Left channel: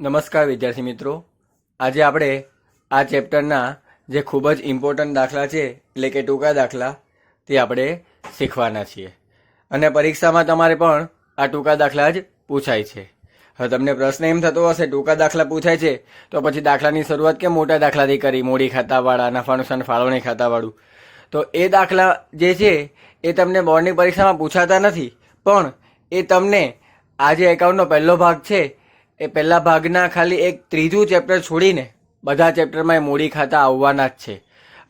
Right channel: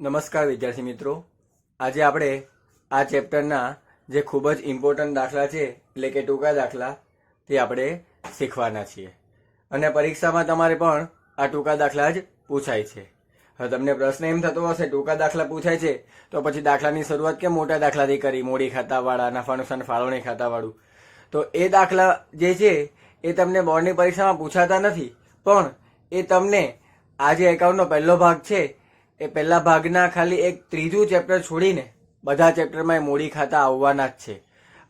નમસ્કાર વિદ્યાર્થી મિત્રો, આજે આપણે આ ચેપ્ટરના જે ખૂબ જ ઇમ્પોર્ટન્ટ દાખલા છે એટલે કે ટૂંકા દાખલા તે આપણે શીખવાના છીએ અને પરીક્ષામાં તમારે પણ આ ટૂંકા દાખલા જ પૂછાય છે. હવે તમને પ્રશ્ન એમ થતો હશે ટૂંકા દાખલા પૂછાય છે તો પછી દાખલાની શરૂઆત કેમ મોટા દાખલાથી કરી, મોડી ખાતાવાળા, નફા નુકસાન ફાળવણી ખાતાવાળું. તો એ દાખલા જે છે એ તમને બોર્ડની પરીક્ષામાં પૂછાતા નથી, પણ એ તમને આ જે એકાઉન્ટનો પહેલો ભાગ છે એ પહેલા ભાગના ખાલી એક ત્રીજું ચેપ્ટર છોડીને બધા ચેપ્ટરમાં એ મૂડી ખાતા આવવાના જ છે.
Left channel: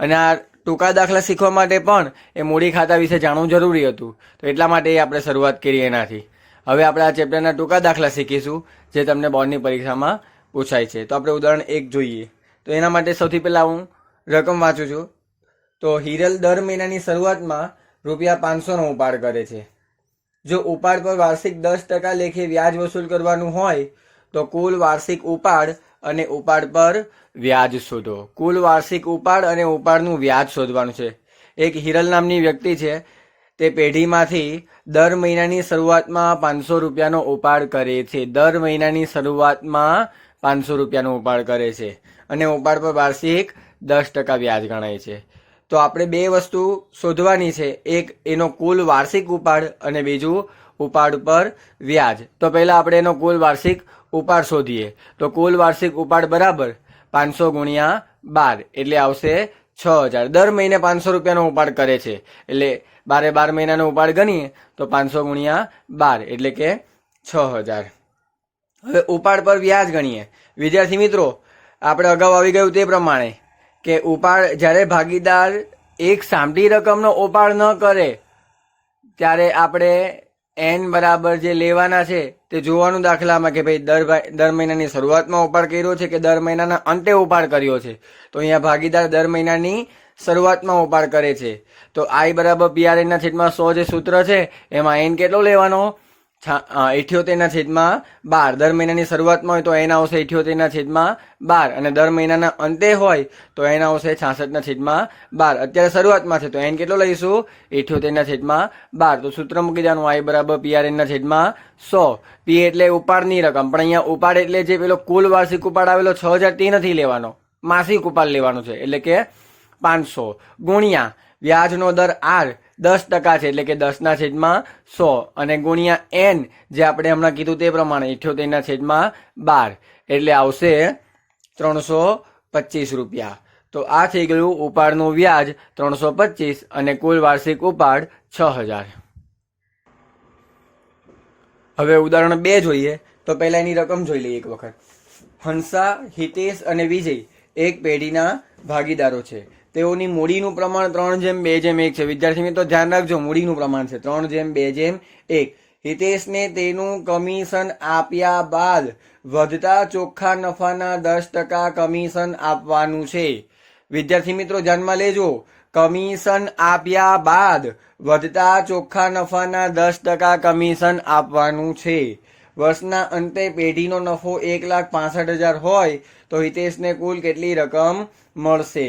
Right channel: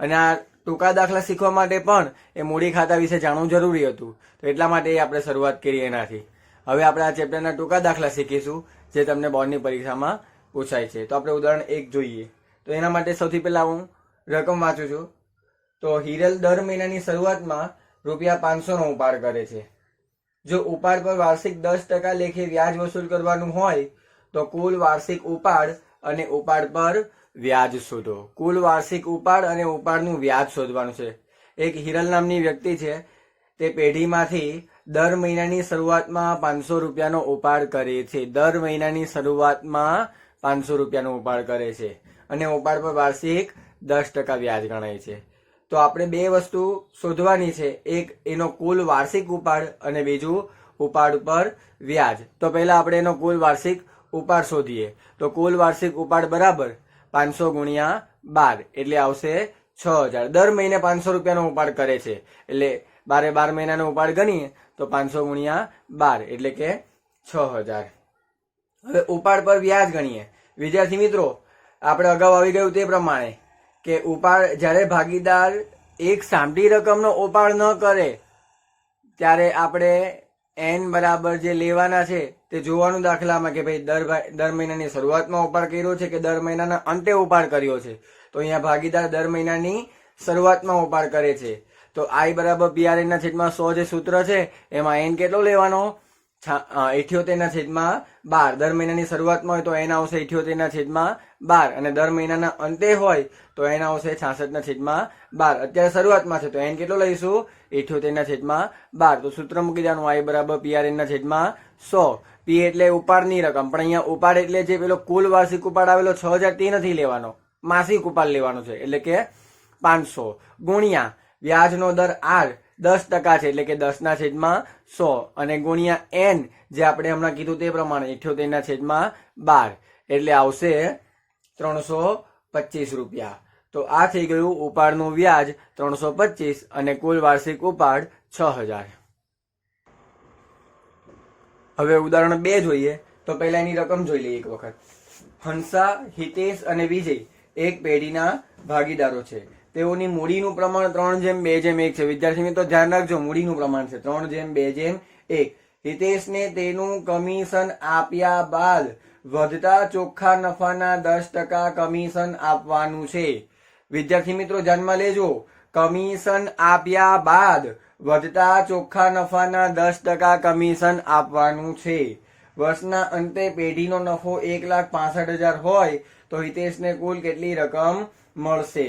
અને આ ટૂંકા દાખલા શીખવા માટે પણ એ મૂડી ખાતા વિશે જાણવું જરૂરી હતું, તો એટલા માટે આપણે શરૂઆત કરી એનાથી. હવે આપણે આ ચેપ્ટરના ટૂંકા દાખલા શીખીશું જે તમને બોર્ડની પરીક્ષામાં પૂછાય છે. તો આપણે ઉદાહરણ 1 જોઈએ. તો એના માટે સૌથી પહેલાં હું રકમ વાંચું છું. તો હિરલ દર મહિનાની શરૂઆતમાં ₹500નો ઉપાડ કરે છે. જો ઉપાડ પર વાર્ષિક 10% લેખે વ્યાજ વસૂલ કરવાનું હોય તો કુલ વાર્ષિક ઉપાડ અને ઉપાડ પર વ્યાજ શોધો. કુલ વાર્ષિક ઉપાડ અને ઉપાડનું વ્યાજ શોધવાનું છે. એક હિરલ નામની વ્યક્તિ છે, તે પેઢીમાંથી દર મહિનાની શરૂઆતમાં ₹500નો ઉપાડ કરે છે. દર મહિનાની શરૂઆતમાં ₹500નો ઉપાડ કરે છે અને ઉપાડ પર વાર્ષિક 10% વ્યાજ ગણાય છે. તો આપણે બે વસ્તુ શોધવાની છે, એક એનો કુલ વાર્ષિક ઉપાડ અને બીજું ઉપાડ પર વ્યાજ. તો પહેલાં આપણે એનો કુલ વાર્ષિક ઉપાડ શોધીએ. તો કુલ વાર્ષિક ઉપાડ બરાબર 500 × 12 એટલે આવશે 6000. દર મહિને ₹500નો ઉપાડ કરે છે એટલે 12 મહિનાનો ઉપાડ ગણીએ તો 500 × 12 એટલે કે 6000. હવે ઉપાડ પર વ્યાજ ગણીએ. વિદ્યાર્થી મિત્રો, આપણે અગાઉ આવી ગયું તે પ્રમાણે કે ઉપાડ જ્યારે ભાગીદાર એક સામટી રકમનો ઉપાડ ન કરે ત્યારે આપણે n બરાબર જે લેવાના છે તે જોવાનું દાખલામાં કે ભાઈ દર મહિનાની શરૂઆતમાં ઉપાડ કર્યો છે કે દર મહિનાના અંતે ઉપાડ કર્યો છે. તો અહીંયા ભાગીદાર દર મહિનાની શરૂઆતમાં ઉપાડ કરે છે. તો I બરાબર PRN/100 જે સૂત્ર છે એમાં n કેટલો લેવાનો? 78/12. દર મહિનાની શરૂઆતમાં હોય તો n આવશે 78/12 અને દર મહિનાના અંતે હોય તો n આવશે 66/12. અત્યારે શરૂઆતમાં છે તો n કેટલો લઈશું? 78/12. તો સૂત્ર મૂકી દેવાનું I બરાબર PRN/100. P એટલે ઉપાડની રકમ, પણ અહીંયા ઉપાડ એટલે જે પેલો કુલ વાર્ષિક ઉપાડ આવેલો 6000 તે નથી લેવાનો, માસિક ઉપાડ લેવાનો છે એટલે કે 500 ગુણ્યા વ્યાજનો દર R 10% છે એટલે કે 10/100 અને ગુણ્યા n જે આપણે હમણાં કીધું તે પ્રમાણે 78/12 એટલે આવશે ₹325. તો આ થઈ ગયું ઉપાડનું વ્યાજ 325 અને કુલ વાર્ષિક ઉપાડ 6000. હવે ઉદાહરણ 2 જોઈએ. તો પહેલા એની રકમ જોઈ લઈએ એક વખત. હંસા, હિતેશ અને વિજય એક પેઢીના ભાગીદારો છે. તેઓની મૂડીનું પ્રમાણ 3:2:1 છે. વિદ્યાર્થી મિત્રો ધ્યાન રાખજો, મૂડીનું પ્રમાણ છે 3:2:1. હિતેશને તેનું કમિશન આપ્યા બાદ વધતા ચોખ્ખા નફાના 10% કમિશન આપવાનું છે. વિદ્યાર્થી મિત્રો ધ્યાનમાં લેજો, કમિશન આપ્યા બાદ વધતા ચોખ્ખા નફાના 10% કમિશન આપવાનું છે. વર્ષના અંતે પેઢીનો નફો 1,65,000 હોય તો હિતેશને કુલ કેટલી રકમ મળશે?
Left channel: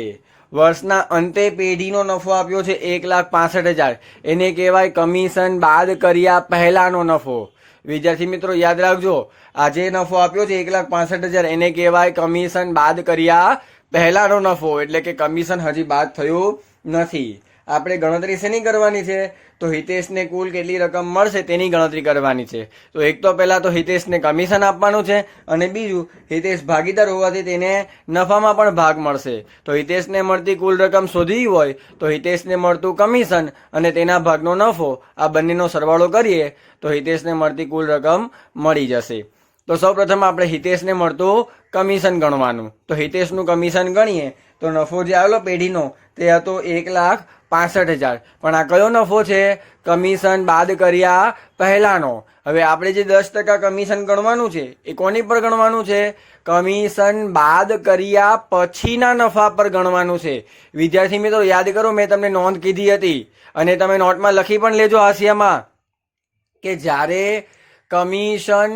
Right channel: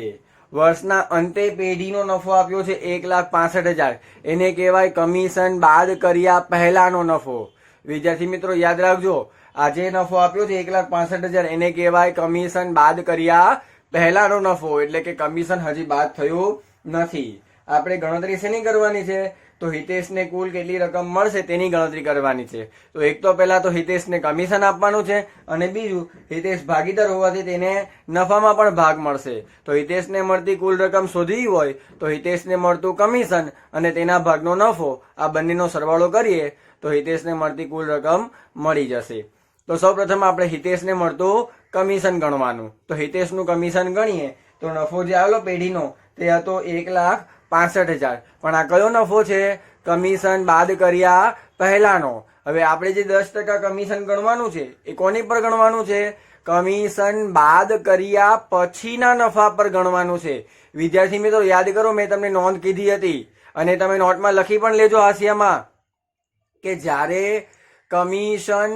વર્ષના અંતે પેઢીનો નફો આપ્યો છે 1,65,000, એને કહેવાય કમિશન બાદ કર્યા પહેલાનો નફો. વિદ્યાર્થી મિત્રો યાદ રાખજો, આ જે નફો આપ્યો છે 1,65,000 એને કહેવાય કમિશન બાદ કર્યા પહેલાનો નફો, એટલે કે કમિશન હજી બાદ થયું નથી. આપણે ગણતરી શેની કરવાની છે? તો હિતેશને કુલ કેટલી રકમ મળશે તેની ગણતરી કરવાની છે. તો એક તો પહેલા તો હિતેશને કમિશન આપવાનું છે અને બીજું હિતેશ ભાગીદાર હોવાથી તેને નફામાં પણ ભાગ મળશે. તો હિતેશને મળતી કુલ રકમ શોધવી હોય તો હિતેશને મળતું કમિશન અને તેના ભાગનો નફો આ બંનેનો સરવાળો કરીએ તો હિતેશને મળતી કુલ રકમ મળી જશે. તો સૌપ્રથમ આપણે હિતેશને મળતું કમિશન ગણવાનું. તો હિતેશનું કમિશન ગણીએ તો નફો જે આવેલો પેઢીનો તે હતો 1,65,000, પણ આ કયો નફો છે? કમિશન બાદ કર્યા પહેલાનો. હવે આપણે જે 10% કમિશન ગણવાનું છે એ કોની પર ગણવાનું છે? કમિશન બાદ કર્યા પછીના નફા પર ગણવાનું છે. વિદ્યાર્થી મિત્રો યાદ કરો, મેં તમને નોંધ કીધી હતી અને તમે નોટમાં લખી પણ લેજો હાંસિયામાં કે જ્યારે કમિશન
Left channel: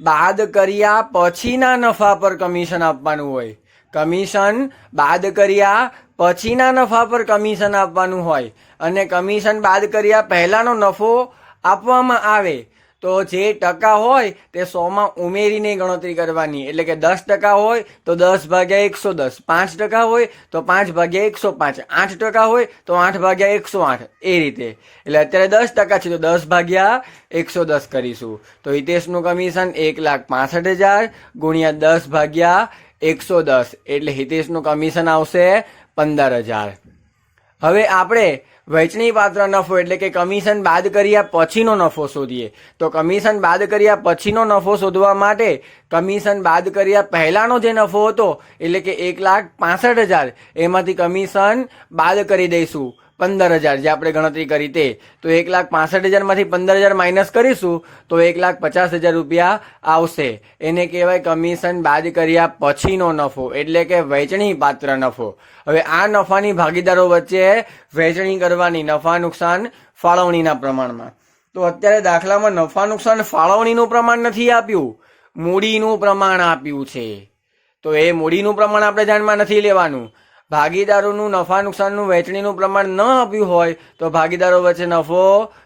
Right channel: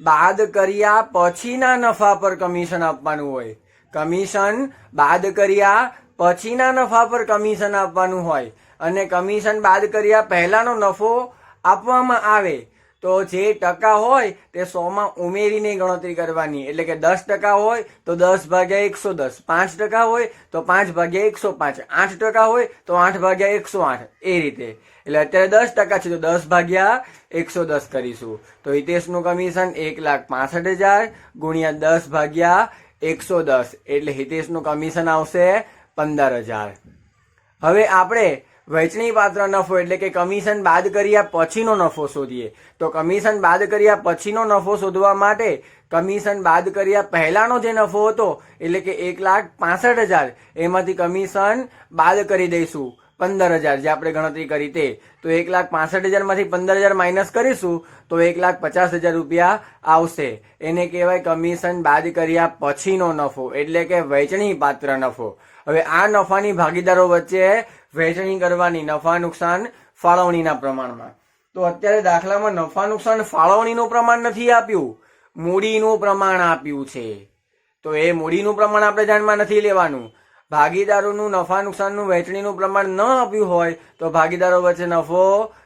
બાદ કર્યા પછીના નફા પર કમિશન આપવાનું હોય, કમિશન બાદ કર્યા પછીના નફા પર કમિશન આપવાનું હોય અને કમિશન બાદ કર્યા પહેલાનો નફો આપવામાં આવે તો જે ટકા હોય તે 100માં ઉમેરીને ગણતરી કરવાની. એટલે કે 10% હોય તો 10/110, 5% હોય તો 5/105, 8% હોય તો 8/108, એ રીતે. એટલે અત્યારે 10% છે તો 10/110 કરીશું. તો હિતેશનું કમિશન 1,65,000 ગુણ્યા 10/110, એટલે હિતેશનું કમિશન આવશે 15,000. હવે આપણે વહેંચણી પાત્ર નફો એટલે કે કમિશન બાદ કર્યા પછીનો નફો શોધીએ. તો કમિશન બાદ કર્યા પછીનો નફો શોધવા માટે કમિશન બાદ કર્યા પહેલાનો જે નફો હતો એટલે કે 1,65,000 એમાંથી કમિશન બાદ કરી દઈશું 15,000 જે આપણે ગણતરી કરી તે. તો 1,65,000 માંથી 15,000 માઇનસ કરીશું તો 1,50,000 રૂપિયા આવશે. એને કહેવાય કમિશન બાદ કર્યા પછીનો નફો એટલે કે વહેંચણી પાત્ર નફો. હવે આ નફાની ભાગીદારો વચ્ચે વહેંચણી કરવાની નફા નુકસાન ફાળવણીના પ્રમાણમાં. તો અત્યારે દાખલામાં નફા નુકસાન ફાળવણીનું પ્રમાણ નથી આપ્યું, મૂડીનું પ્રમાણ આપ્યું છે. તો એ મૂડીનું પ્રમાણ આપણે ધ્યાનમાં નથી લેવાનું. ભાગીદારોનું નફા નુકસાનનું વહેંચણીનું પ્રમાણ ન આપ્યું હોય તો ભાગીદારો વચ્ચે નફો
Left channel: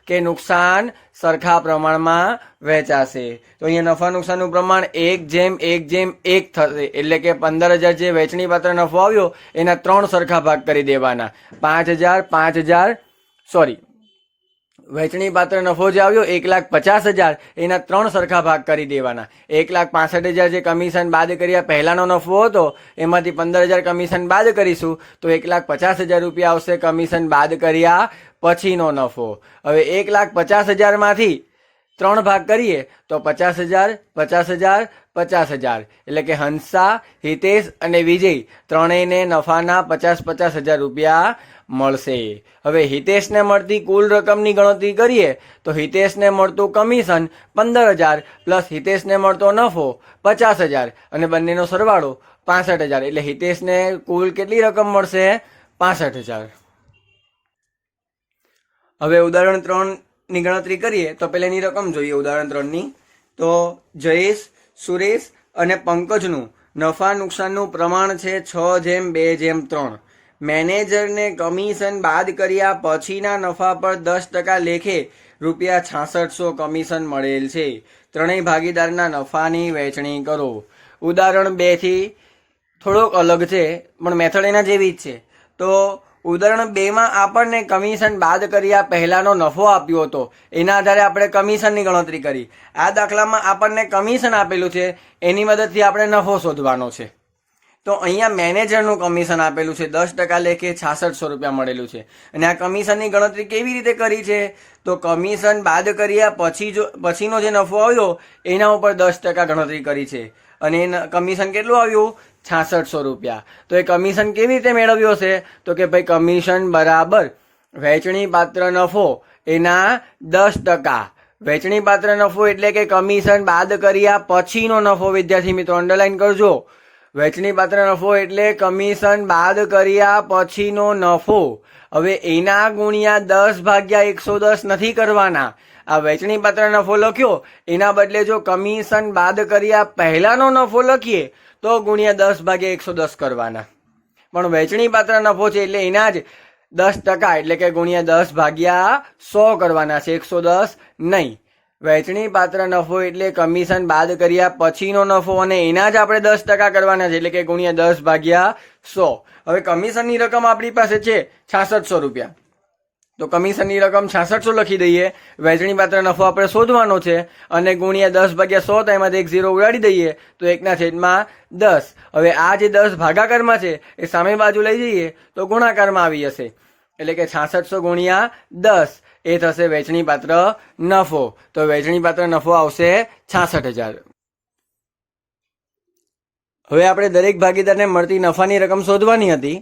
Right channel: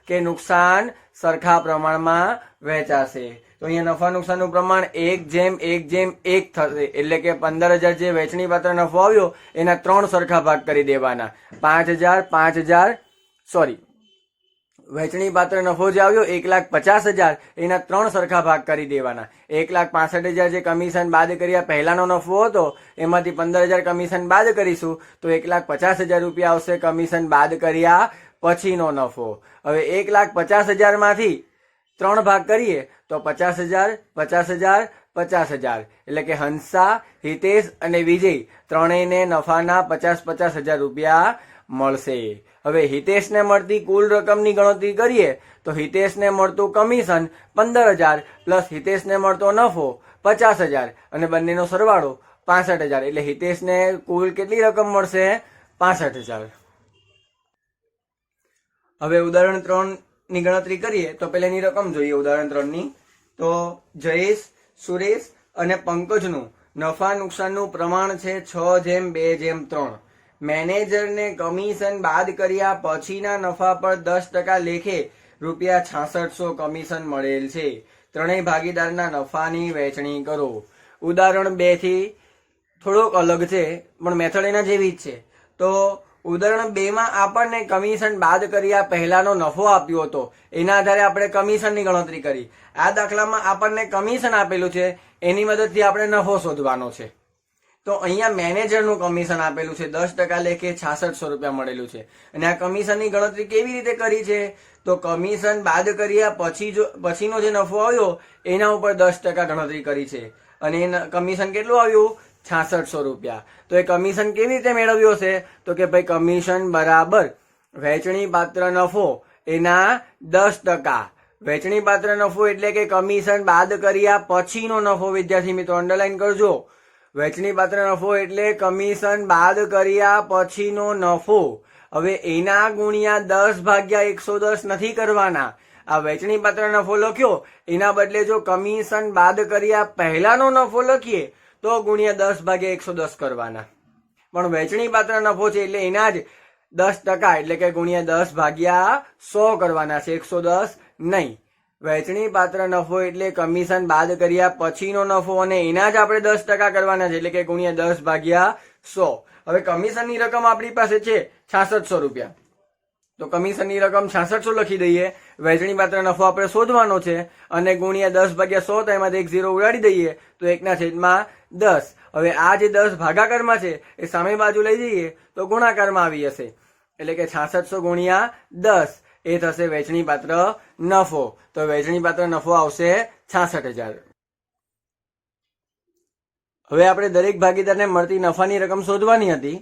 કે નુકસાન સરખા પ્રમાણમાં વહેંચાશે. તો અહીંયા નફા નુકસાનનું પ્રમાણ 1:1:1 થશે. એટલે કે 15,000 જે વહેંચણી પાત્ર નફો આવ્યો એના 3 સરખા ભાગ કરી દેવાના. 5,000 વહેંચણી પાત્ર નફો જે આવ્યો 1,50,000 એના 3 સરખા ભાગ કરી દેવાના. 1,65,000 જે કમિશન બાદ કર્યા પહેલાનો નફો હતો એમાંથી 15,000 કમિશન બાદ કરીશું તો 1,50,000 રૂપિયા આવશે કમિશન બાદ કર્યા પછીનો નફો. હવે 1,50,000 માંથી 3 ભાગ કરીએ તો 50,000, 50,000, 50,000 એટલે કે હંસા, હિતેશ અને વિજય ત્રણેયને નફાના 50,000 રૂપિયા મળશે. હવે હિતેશને મળતી કુલ રકમની ગણતરી કરીએ તો હિતેશને મળતું કમિશન 15,000 પ્લસ હિતેશને મળતો નફો 50,000 અને બંનેનો સરવાળો 65,000 એટલે હિતેશને કુલ કેટલી રકમ મળશે? 65,000. હવે ઉદાહરણ 3ની ગણતરી કરીએ તો પહેલાની રકમ જોઈએ. ઉદાહરણ 3ની તો જયેશ, સુરેશ અને પંકજનું નફા નુકસાનનું પ્રમાણ છે 6:2:3. મેનેજરને કમિશન બાદ કર્યા પછીના નફા પર 10% લેખે ₹6600 કમિશન મળેલ છે. ત્રણેય ભાગીદારના નફાની વહેંચણી કરો. ઉદાહરણ 2 થી થોડોક અલગ છે પણ મેથડ એના જેવી જ છે. તો ઉદાહરણ 2માં આપણને કમિશન બાદ કર્યા પહેલાનો નફો આપ્યો હતો, એના આધારે આપણે કમિશનની ગણતરી કરી. આ દાખલામાં આપણને કમિશન આપેલું છે, એની મદદથી આપણે નફો શોધવાનો છે. તો અહીંયા મેનેજરનું કમિશન આપેલું છે 10% લેખે 6600 રૂપિયા મળેલું છે. અને આ કમિશનની ગણતરી કેવી રીતે કરી છે? તો કમિશન બાદ કર્યા પછીનો જે નફો આવ્યો એના ઉપર 10% ગણતરી કરી છે અને કમિશન કેટલું આવ્યું? 6600 રૂપિયા. તો એ કમિશન કેવી રીતે મેળવ્યો છે? તો કે ભાઈ કમિશન બરાબર વહેંચણી પાત્ર નફો એના 10%. વહેંચણી પાત્ર નફો એટલે કે કમિશન બાદ કર્યા પછીનો નફો. વિદ્યાર્થી મિત્રો અંડરલાઈન કરજો. વહેંચણી પાત્ર નફો એટલે કમિશન બાદ કર્યા પછીનો નફો. હવે એના ગુણ્યા 10/110 નથી કરવાના. આ વહેંચણી પાત્ર નફો લખ્યો એના બદલે જો કમિશન બાદ કર્યા પહેલાનો નફો લખીએ તો ગુણ્યા 10/110 કરવાના. પણ વહેંચણી પાત્ર નફો છે એટલે એના જ 10% એટલે કે ગુણ્યા 10/100 કરવાના છે, 110 નહીં. વહેંચણી પાત્ર નફો એટલે કમિશન બાદ કર્યા પછીનો નફો અને એના જ આપણે 10% કરવાના છે એટલે કે ગુણ્યા 10/100. હવે કમિશનની રકમ આપણી પાસે છે 6600 રૂપિયા. તો કમિશનની રકમ 6600 લખી દઈએ. વહેંચણી પાત્ર નફો આપણે શોધવાનો છે અને ગુણ્યા 10/100 તો એમાંથી 1 0 ઉડાડી દઈએ તો 1/10. હવે આ જે 10 ભાગાકારમાં છે એ સામે બાજુ લઈ જઈએ તો ગુણાકારમાં આવી જશે એટલે કે 6600 ગુણ્યા 10 એ થશે વહેંચણી પાત્ર નફો. તો વહેંચણી પાત્ર નફો આવશે 66,000. હવે આપણે દરેક ભાગીદારને મળતી નફાની રકમ શોધવાની હતી.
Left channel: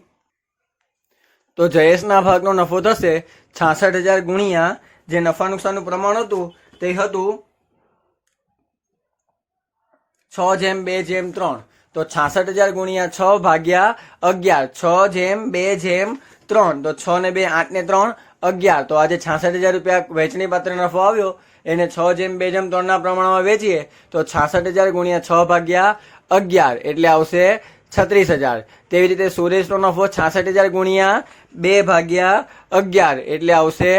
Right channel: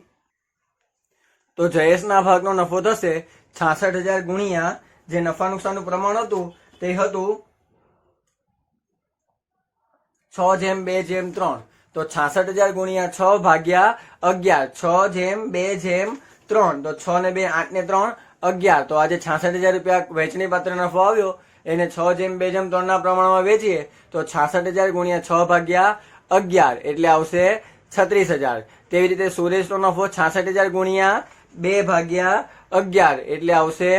તો જયેશના ભાગનો નફો થશે 66,000 ગુણ્યા જે નફા નુકસાનનું પ્રમાણ હતું તે હતું 6:2:3. તો 66,000 ગુણ્યા 6/11, 6:2:3. તો 6 ને 2 8 ને 3 11. તો આજે 66,000 રૂપિયા વહેંચણી પાત્ર નફો આવ્યો એને 6:2:3 ના પ્રમાણમાં વેચીએ તો 66,000 ગુણ્યા 6/11 એટલે આવશે 36,000. તેવી રીતે સુરેશનો નફો 66,000 ગુણ્યા 2/11 એટલે આવશે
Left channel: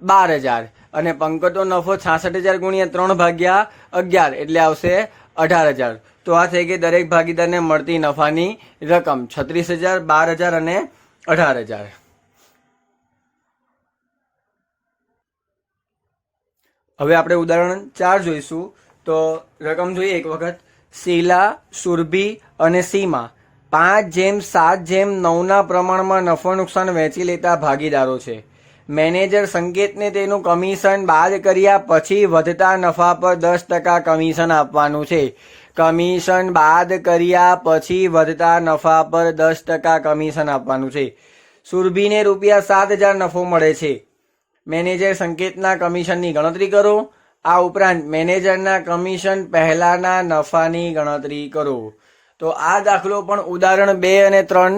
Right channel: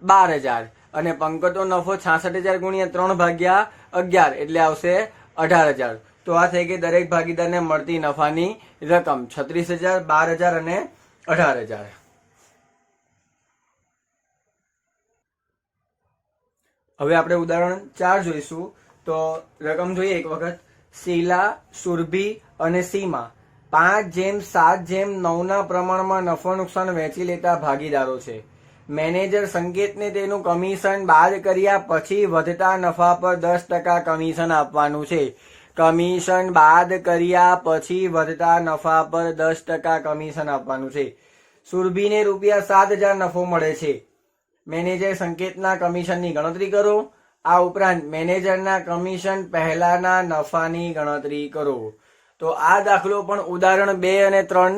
12,000. અને પંકજનો નફો 66,000 ગુણ્યા 3/11 એટલે આવશે 18,000. તો આ થઈ ગઈ દરેક ભાગીદારને મળતી નફાની રકમ 36,000, 12,000 અને 18,000. હવે આપણે ઉદાહરણ 4 જોઈશું. તો રકમ જોઈએ એક વખત. શીલા, સુરભી અને સીમા 5:7:9 પ્રમાણમાં નફો નુકસાન વહેંચી લેતા ભાગીદારો છે. મેનેજર સંકેતને તેનું કમિશન બાદ કર્યા પછી વધતા નફા પર 10% કમિશન આપવાનું છે. કમિશન બાદ કર્યા પછી વધતા નફા પર 10% કમિશન આપવાનું છે. સુરભીને ₹7,000 નફો મળે છે. મેનેજર સંકેતના કમિશનની ગણતરી કરો. આ ઉપરાંત મેનેજરના કમિશન પહેલાના નફાની ગણતરી કરો. તો આ દાખલો પણ ઉદાહરણ 2 અને 3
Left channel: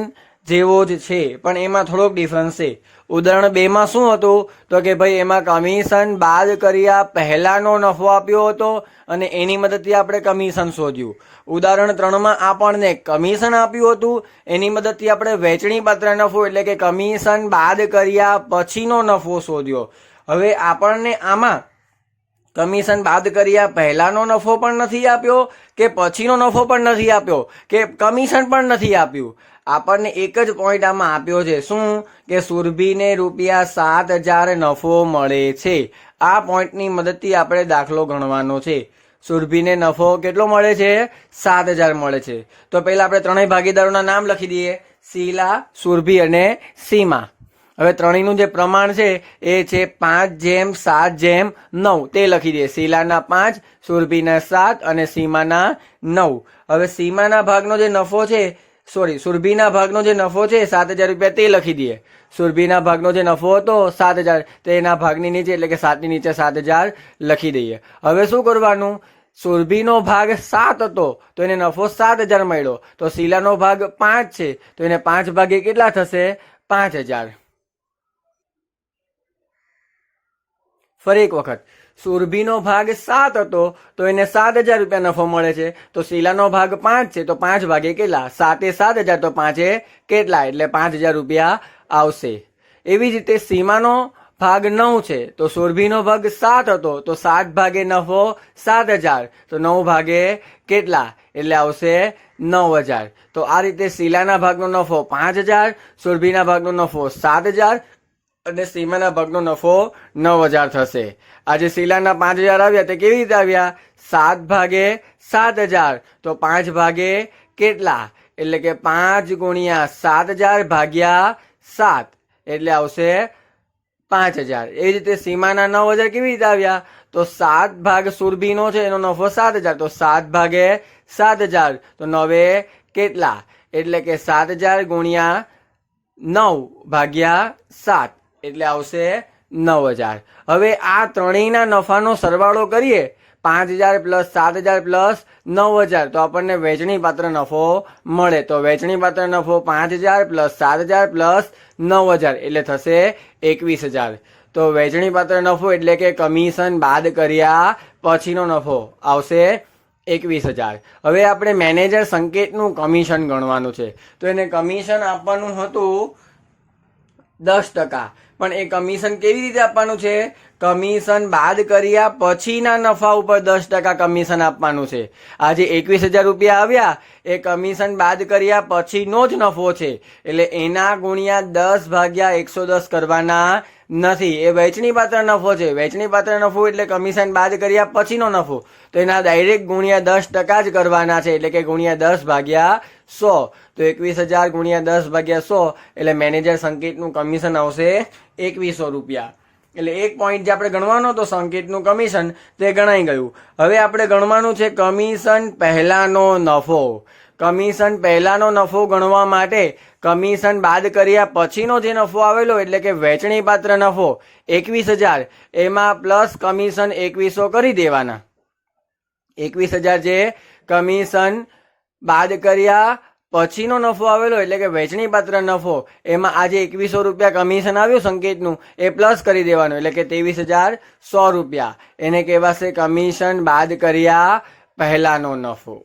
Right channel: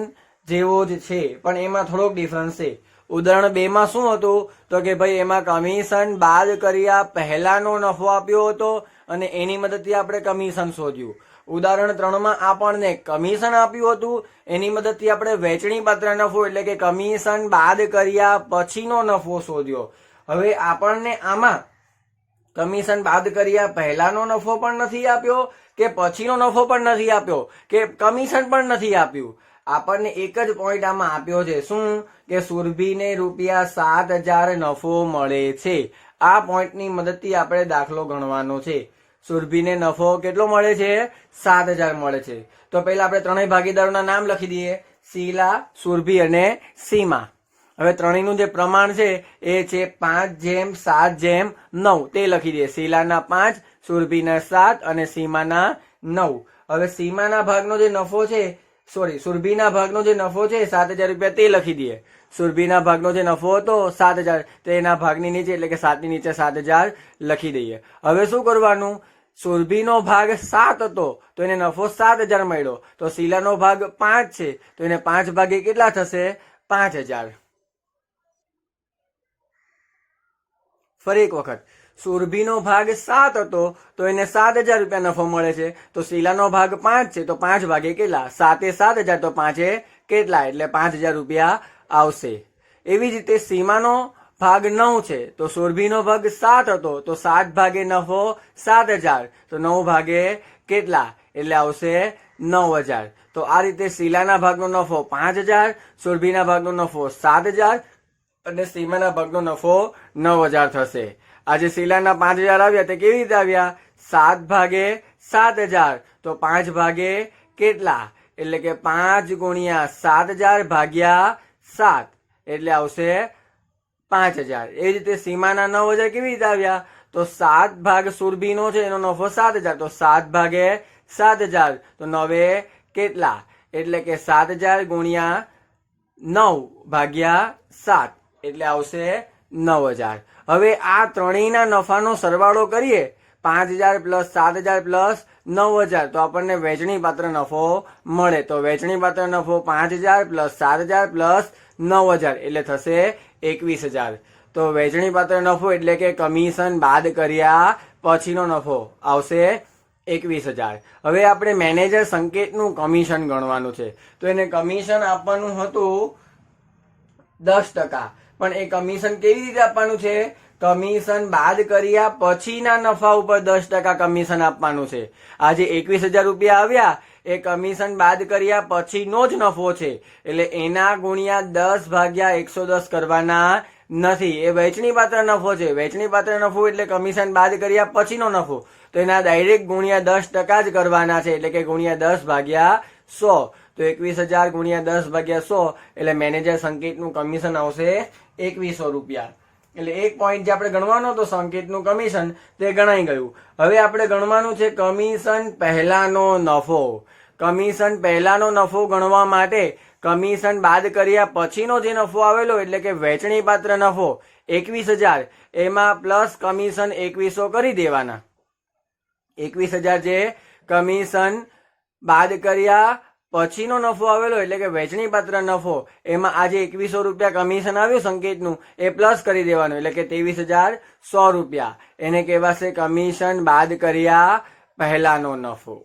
જેવો જ છે, પણ એમાં થોડોક ડિફરન્સ છે. ઉદાહરણ 2 માં શું હતું? તો કે ભાઈ એમાં કમિશન બાદ કર્યા પહેલાનો નફો આપ્યો હતો અને એની મદદથી આપણે કમિશન શોધ્યું. ઉદાહરણ 3 માં આપણને કમિશન આપ્યું હતું, એની મદદથી આપણે વેચણી પાત્ર નફો એટલે કે કમિશન બાદ કર્યા પછીનો નફો શોધ્યો. હવે આપણને આમાં કમિશન બાદ કર્યા પહેલાનો નફો પણ નથી આપ્યો કે પછીનો નફો પણ નથી આપ્યો કે કમિશન પણ નથી આપ્યું. આપણને એક જ પોઈન્ટ આમાં આપ્યો છે. શું? કે સુરભીને ₹7,000 નફો મળે છે. આ પોઈન્ટની મદદથી આપણે દાખલો ગણવાનો છે. સુરભીને નફો કેટલો મળે છે? 7,000 મળે છે. તો પહેલા આપણે ત્રણેય ભાગીદારોના નામ લખી દઈએ. શીલા, સુરભી અને સીમા. હવે ત્રણેયનું જે પ્રમાણ છે એ છે 5:7:9 તે લખી દઈએ. શીલાના 5, સુરભીના 7 અને સીમાના 9. હવે સીમાના ભાગનો જે નફો છે, સુરભીના ભાગનો જે નફો છે ₹7,000 તે લખી દઈએ. સુરભીના ભાગનો જે નફો હતો 7,000 તેના ભાગની નીચે એટલે કે 7 ની નીચે 7,000 લખી દઈએ. હવે શું કરવાનું? સુરભીનો ભાગ 7 હતો તો એને નફો 7,000 મળ્યો. તો શીલાનો ભાગ 5 છે તો એને 5 ભાગે કેટલા થશે? 5,000. ફરી એક વખત. સુરભીનો ભાગ 7 હતો તો એને ₹7,000 નફો મળે છે. તો શીલાનો ભાગ 5 છે તો 5 ભાગે કેટલા? 7 એ 7,000 તો 5 એ કેટલા? એટલે ₹5,000 આવશે. એવી જ રીતે સીમાનો ભાગ 9 છે તો સુરભીનો ભાગ 7 હતો તો 7 ભાગે નફો 7,000 તો 9 ભાગે કેટલા? એટલે આવશે 9,000. તો આ રીતે શીલાના ભાગનો નફો 5,000, સુરભીના ભાગનો નફો 7,000 અને સીમાના ભાગનો નફો 9,000 થશે. આજે શીલાના 5,000 આવ્યા તે કેવી રીતે આવ્યા? 7 ભાગે 7,000 તો 5 ભાગે કેટલા? એટલે કે 5 ગુણ્યા 7,000 ભાગ્યા 7 એટલે આવશે 5,000. એ રીતે સીમાના 9,000 કેવી રીતે આવ્યા? તો 7 ભાગ સુરભીનો છે એનો નફો 7,000 તો 7 ભાગે 7,000 તો 9 કેટલા? એટલે કે 7,000 ગુણ્યા 9 ભાગ્યા 7 એટલે આવશે 9,000. હવે આ ત્રણેયના નફાનો સરવાળો કરીએ 5,000 + 7,000 + 9,000 તો આપણને વેચણી પાત્ર નફો મળે. તો વેચણી પાત્ર નફો 5,000 + 7,000 + 9,000 એટલે થશે 21,000. તો વેચણી પાત્ર નફો એટલે કે કમિશન બાદ કર્યા પછીનો નફો આવશે 21,000. હવે આપણે મેનેજર સંકેતનું કમિશન ગણવાનું છે. તો એને કમિશન આપવાનું હતું 10%. પણ એ કમિશન કેવી રીતે આપવાનું છે? કમિશન બાદ કર્યા પછીના નફા ઉપર 10% કમિશન આપવાનું છે. આજે 21,000 આવ્યા એ કમિશન બાદ કર્યા પછીનો જ નફો છે એટલે એના ગુણ્યા 10 ભાગ્યા 110 કરવાના નથી. એ વેચણી પાત્ર નફો છે. વેચણી પાત્ર નફો એટલે કમિશન બાદ કર્યા પછીનો નફો. તો એના ડાયરેક્ટ ગુણ્યા 10% જ કરવાના છે એટલે કે ગુણ્યા 10 ભાગ્યા 100. તો 21,000 ગુણ્યા 10 ભાગ્યા 100 એટલે મેનેજર સંકેતનું કમિશન આવશે ₹2,100. એટલે એક પોઈન્ટ જે આપણે ગણવાનો હતો સંકેતનું કમિશન તે ગણાઈ ગયું. હવે આપણે ગણવાનું છે કમિશન પહેલાનો નફો. કમિશન પહેલાનો નફો ગણવા માટે કમિશન બાદ કર્યા પછીનો જે નફો આવેલો એટલે કે વેચણી પાત્ર નફો 21,000 એમાં પ્લસ કમિશન 2,100 કરી દેવાના. 21,000 જે કમિશન બાદ કર્યા પછીનો નફો આવેલો એટલે કે વેચણી પાત્ર નફો એમાં આજે ₹2,100 કમિશન આવ્યું સંકેતનું એ પ્લસ કરી દેવાનું એટલે કે ₹23,100. એને કહેવાશે કમિશન બાદ કર્યા પહેલાનો નફો.